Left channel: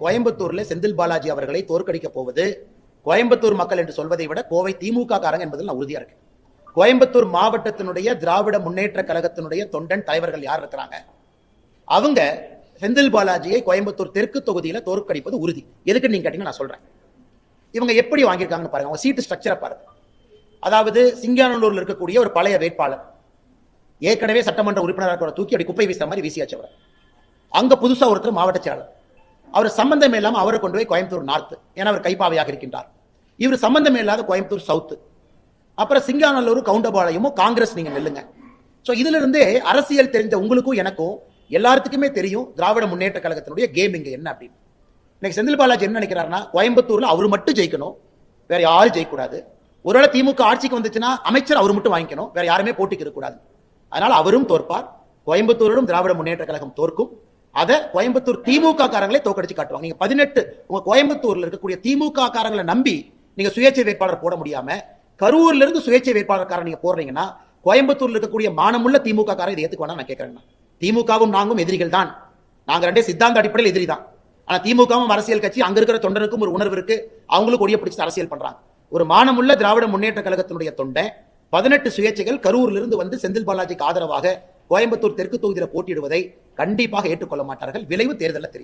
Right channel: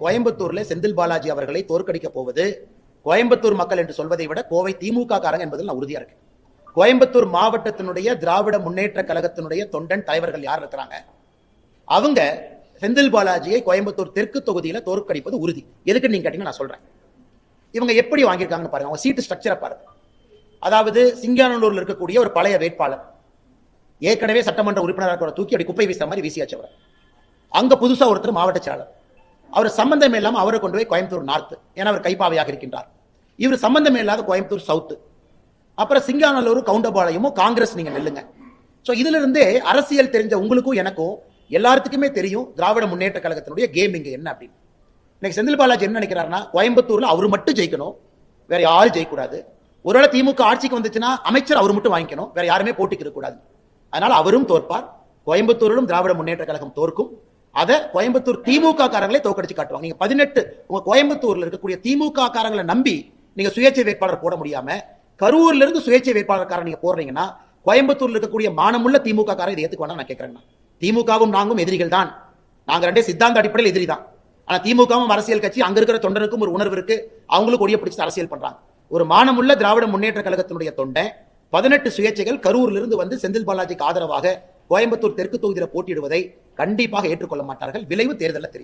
கோயம்புத்தூர்ல செந்தில் பாலாஜி அவர்களை தோற்கடிக்க போவது கோயம்புத்தூர் மக்கள் என்று சொல்வதை விட கோவை திமுக காரங்க என்பதில் நான் உறுதியா இருக்கேன். கோயம்புத்தூர் மாவட்டத்தினுடைய திராவிட முன்னேற்ற கழகத்தினுடைய தொண்டன் தலைவர்கள் யார் இருக்கிறாங்க, அவங்க செந்தில் பாலாஜியை கோயம்புத்தூர் தெற்கு தொகுதியில தோற்கடிப்பது உறுதி. எதுக்கு நீங்க கேட்டீங்க, நான் சொல்றேன். இவங்க எப்படி வாங்கியிருக்காங்கன்னு பாருங்க, அவங்க சீட்டு ஸ்ட்ரக்சரை பாருங்க. அதாவது சிங்கானல்லூர்ல இருக்கக்கூடிய ஒரு பழைய வேட்பாளர், ஏற்கனவே சட்டமன்ற உறுப்பினராக தூக்கி அப்படி குப்பை வீசுற மாதிரி வீசியாச்சவர். அங்க புதுசா ஒருத்தர் மாவட்ட செயலாளர், அவர் சம்பந்தமே இல்லாம அவரை கொண்டு போய் கோயம்புத்தூர் நார்த், ஏன்னா அவர் கைப்பாவையாக இருக்கின்றார். இவர் சம்பந்தமே இல்லாத கோயம்புத்தூர் சவுத், அப்புறம் சிங்கானல்லூர் கவுண்டபாளையமும் காங்கிரஸ் நீங்க நெல்லுங்க. சோ இதுல இருந்து அரசியல் தெரிஞ்ச உங்களுக்கும் எனக்கும் எல்லாத்துக்குமே தெரியும் திராவிட முன்னேற்ற கழகத்தினுடைய கேம் இங்க என்ன அப்படின்னு. இன்னைக்கு செந்தில் பாலாஜி என்ன நினைக்கிறாருன்னா, கோயம்புத்தூர்ல அவர் மட்டும் ஜெயிக்கணும், வேற யாரும் ஜெயிக்கூடாது. ஒருவேளை திமுக ஆட்சிக்கு வந்துச்சுன்னா அமைச்சர் அவர் மட்டும் வாங்கிக்கணும், வேற யாருமே போட்டிக்கு இருக்கக்கூடாது. அதனால அவரும் தோற்பார், கோயம்புத்தூரிலும் திராவிட முன்னேற்ற கழகம் தோற்கும். அதை கோயம்புத்தூர் திமுக காரங்களை தோக்கடிச்சு காட்டுவாங்க. நீங்க 18 உங்க கோயம்புத்தூர்ல இருக்கக்கூடிய திமுக காரங்களை நம்பி நீங்க சுயேட்சை வேட்பாளர் போட முடியாம கரூர்ல இருந்து சுயேட்சை வேட்பாளர் நீங்க போடுறீங்கன்னா, கோயம்புத்தூர்ல இருக்கக்கூடிய மானமுள்ள திமுக காரர் இதை ஏத்துக்குவாங்க நான் கேட்கிறேன். திமுகவும் நாங்களும் எதிரிகள் தான், நாங்க ரெண்டே சித்தாந்த அடிப்படையில் எதிரி தான். ஆனா திமுகவும் அரசியல் கட்சி, அங்க இருக்கிற தொண்டருக்கும் ஒரு உணர்வு இருக்கு, அவங்களுக்கு கொடிய பிடிச்சு அரசியல் பண்றாங்க. ஒரு மானமுள்ள திராவிட முன்னேற்ற கழகத்தினுடைய தொண்டை 18 சுயேட்சைகள் கரூர்ல இருந்து வந்து செந்தில் பாலாஜிக்கு ஆதரவாக கோயம்புத்தூர் தெற்கு தொகுதியில் போட்டியிடுவதை கண்டிப்பாக ஏற்றுக்கொள்ள மாட்டார்கள். விளைவு தேர்தலில் தெரியும்.